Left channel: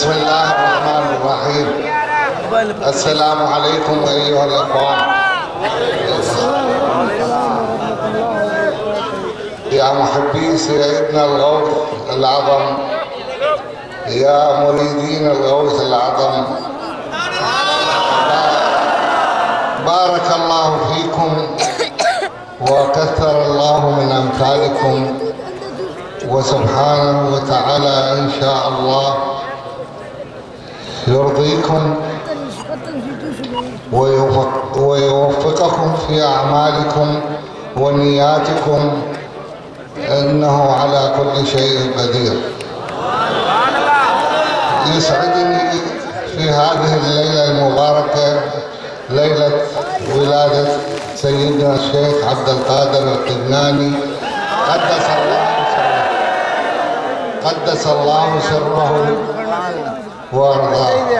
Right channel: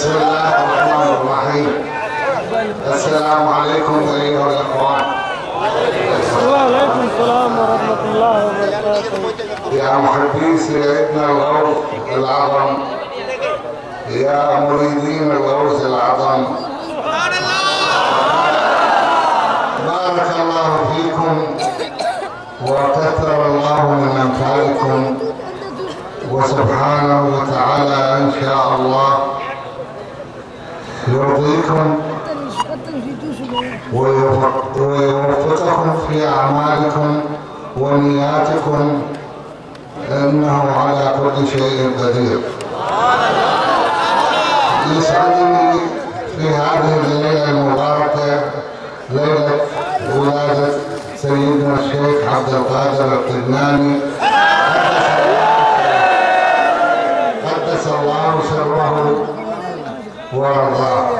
بسم الله الرحمن الرحيم. السلام عليكم أيها الأخوان. وعليكم السلام ورحمة الله وبركاته. يا محبي سيدنا الغوث العظم، يا مريدين الغوث العظم، بارك الله فيكم وكثر الله من أمثالكم، وسبحانه وتعالى إن شاء الله يرضيكم ويوفقكم في أعمالكم ونياتكم، إنه على كل شيء قدير. يسعدني في هذه الليلة المباركة، ليلة ولادة سيدنا الشيخ عبد القادر القبناني قدس الله سره وارضاه،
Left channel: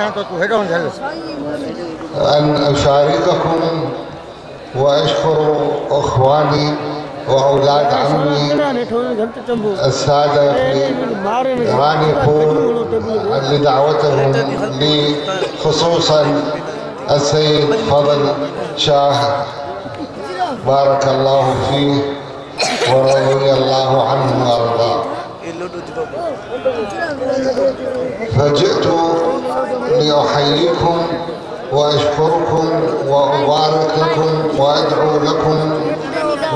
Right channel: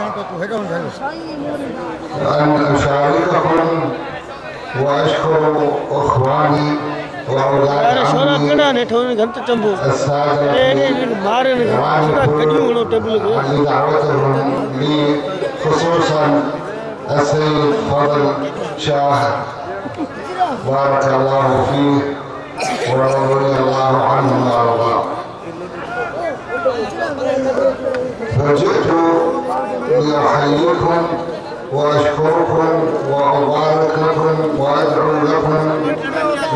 أن أشارككم وأشكر إخواني وأولاد عمي السادة في رانيبور لدعوتهم لي، خصوصا السيد فضل شاه بارك الله فيه ورضي الله عنه وارضاه. فجئت لأحييكم وأشكركم وأبارك لكم وأدعو لكم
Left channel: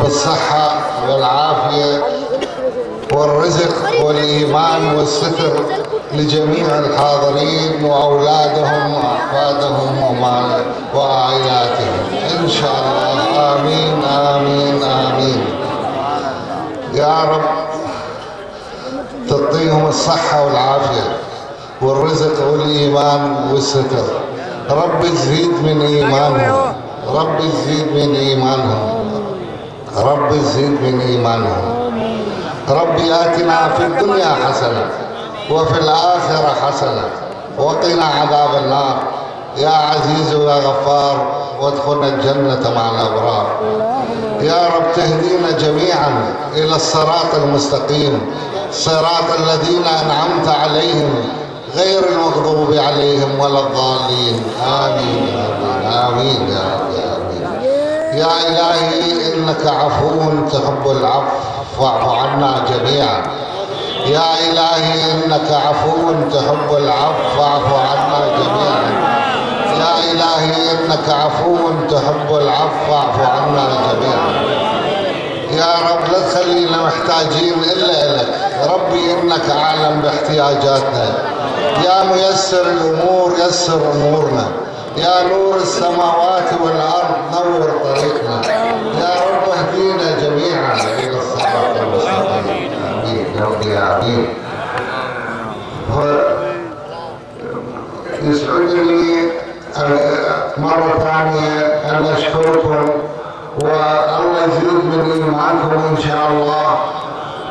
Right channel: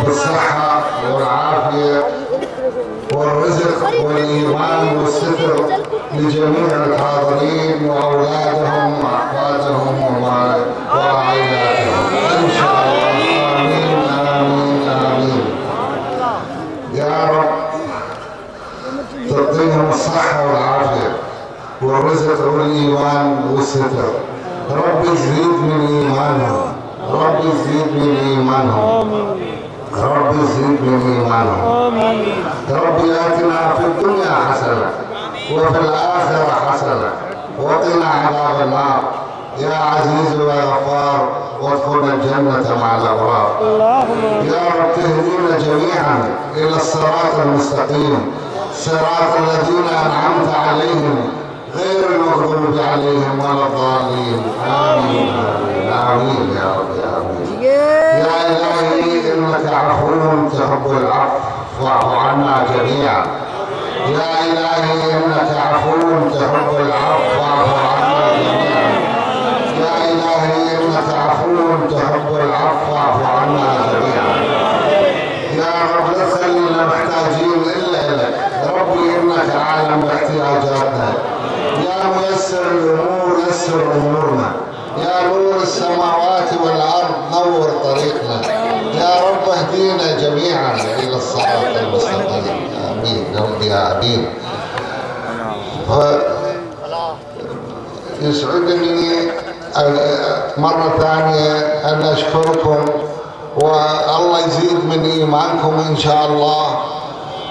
بالصحة والعافية والرزق والإيمان والستر لجميع الحاضرين وأولادهم وأحفادهم وعائلاتهم إن شاء الله. آمين آمين آمين. يا رب تعطيهم الصحة والعافية والرزق والإيمان والستر. رب يزيد من إيمانهم، رب يزيد من إيمانهم، رب يزيد من إيمانهم. رب آتنا في الدنيا حسنة وفي الآخرة حسنة وقنا عذاب النار. يا عزيز ويا غفار وادخلنا الجنة مع الأبرار. يا رب تهدينا جميعا إلى الصراط المستقيم، صراط الذين أنعمت عليهم غير المغضوب عليهم ولا الضالين. آمين آمين آمين يا رب يا آمين. يا إلهي إنك عفو تحب العفو فاعف عنا جميعا. يا إلهي إنك عفو تحب العفو فاعف عنا جميعا. يا إلهي إنك عفو تحب العفو فاعف عنا جميعا. يا رب لا تخلينا محتاجين إلا إليك. ربي إنك أعلم باحتياجاتنا. يا ميسر الأمور يسر أمورنا. يا نور السماوات والأرض نور طريقنا. يا رب اهدينا جميعا إلى الصراط المستقيم. آمين يا رب يا آمين. يسعدني مرة ثانية أن أشكركم، والله يزيد من إيمانكم إن شاء الله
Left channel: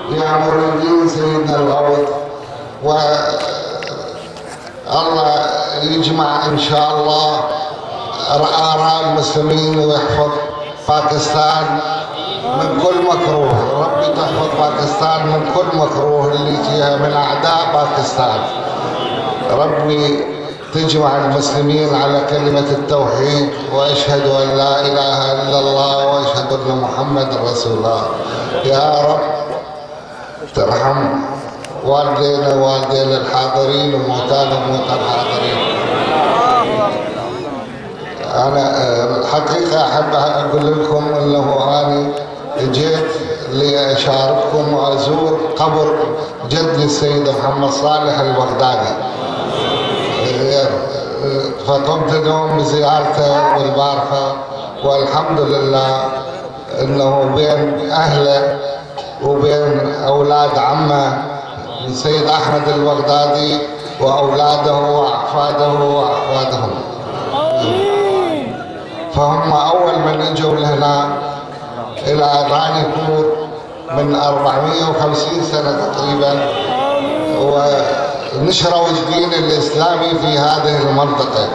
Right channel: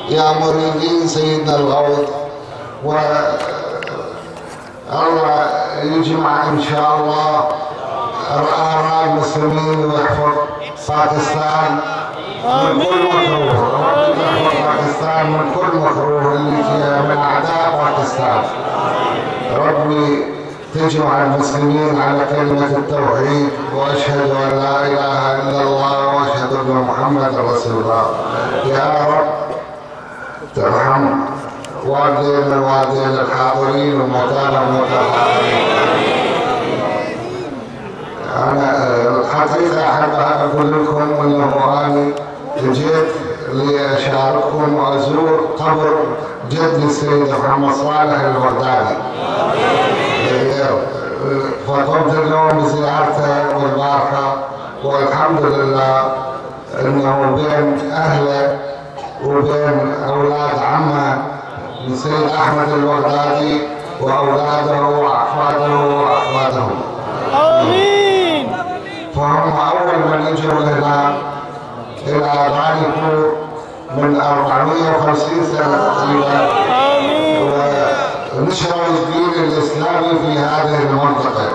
يا مريدين سيدنا الغوث، الله يجمع إن شاء الله آراء المسلمين ويحفظ باكستان من كل مكروه. ربي تحفظ باكستان من كل مكروه اللي يجيها من أعداء باكستان. ربي تجمع المسلمين على كلمة التوحيد وأشهد أن لا إله إلا الله وأشهد أن محمد رسول الله. يا رب ترحم والدينا ووالدين الحاضرين ومكانهم الحاضرين. أنا الحقيقة أحب أقول لكم أنه أنا جيت لأشارككم وأزور قبر جد السيد محمد صالح البغدادي، فقمت اليوم بزيارته والباركة، والحمد لله أنه بين أهله وبين أولاد عمه السيد أحمد البغدادي وأولاده وأحفاده وأحفادهم. آمين. فهم أول من اجوا هنا إلى رانيبور من 450 سنة تقريبا، ونشروا الدين الإسلامي في هذه المنطقة.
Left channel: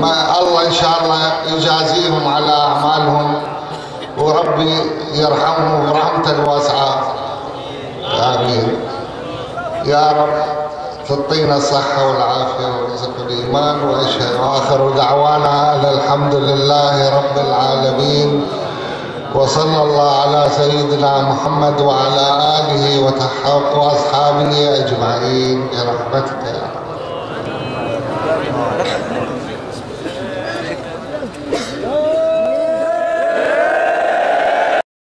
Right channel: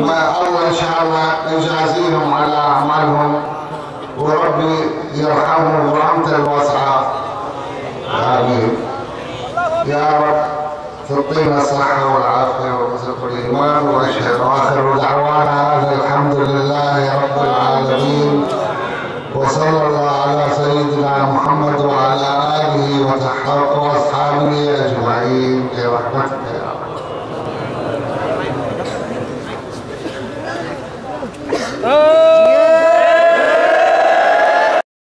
ما الله إن شاء الله يجازيهم على أعمالهم، وربي يرحمهم برحمته الواسعة. آمين. يا رب تعطينا الصحة والعافية ورزق الإيمان وأشهد وآخر دعوانا أن الحمد لله رب العالمين وصلى الله على سيدنا محمد وعلى آله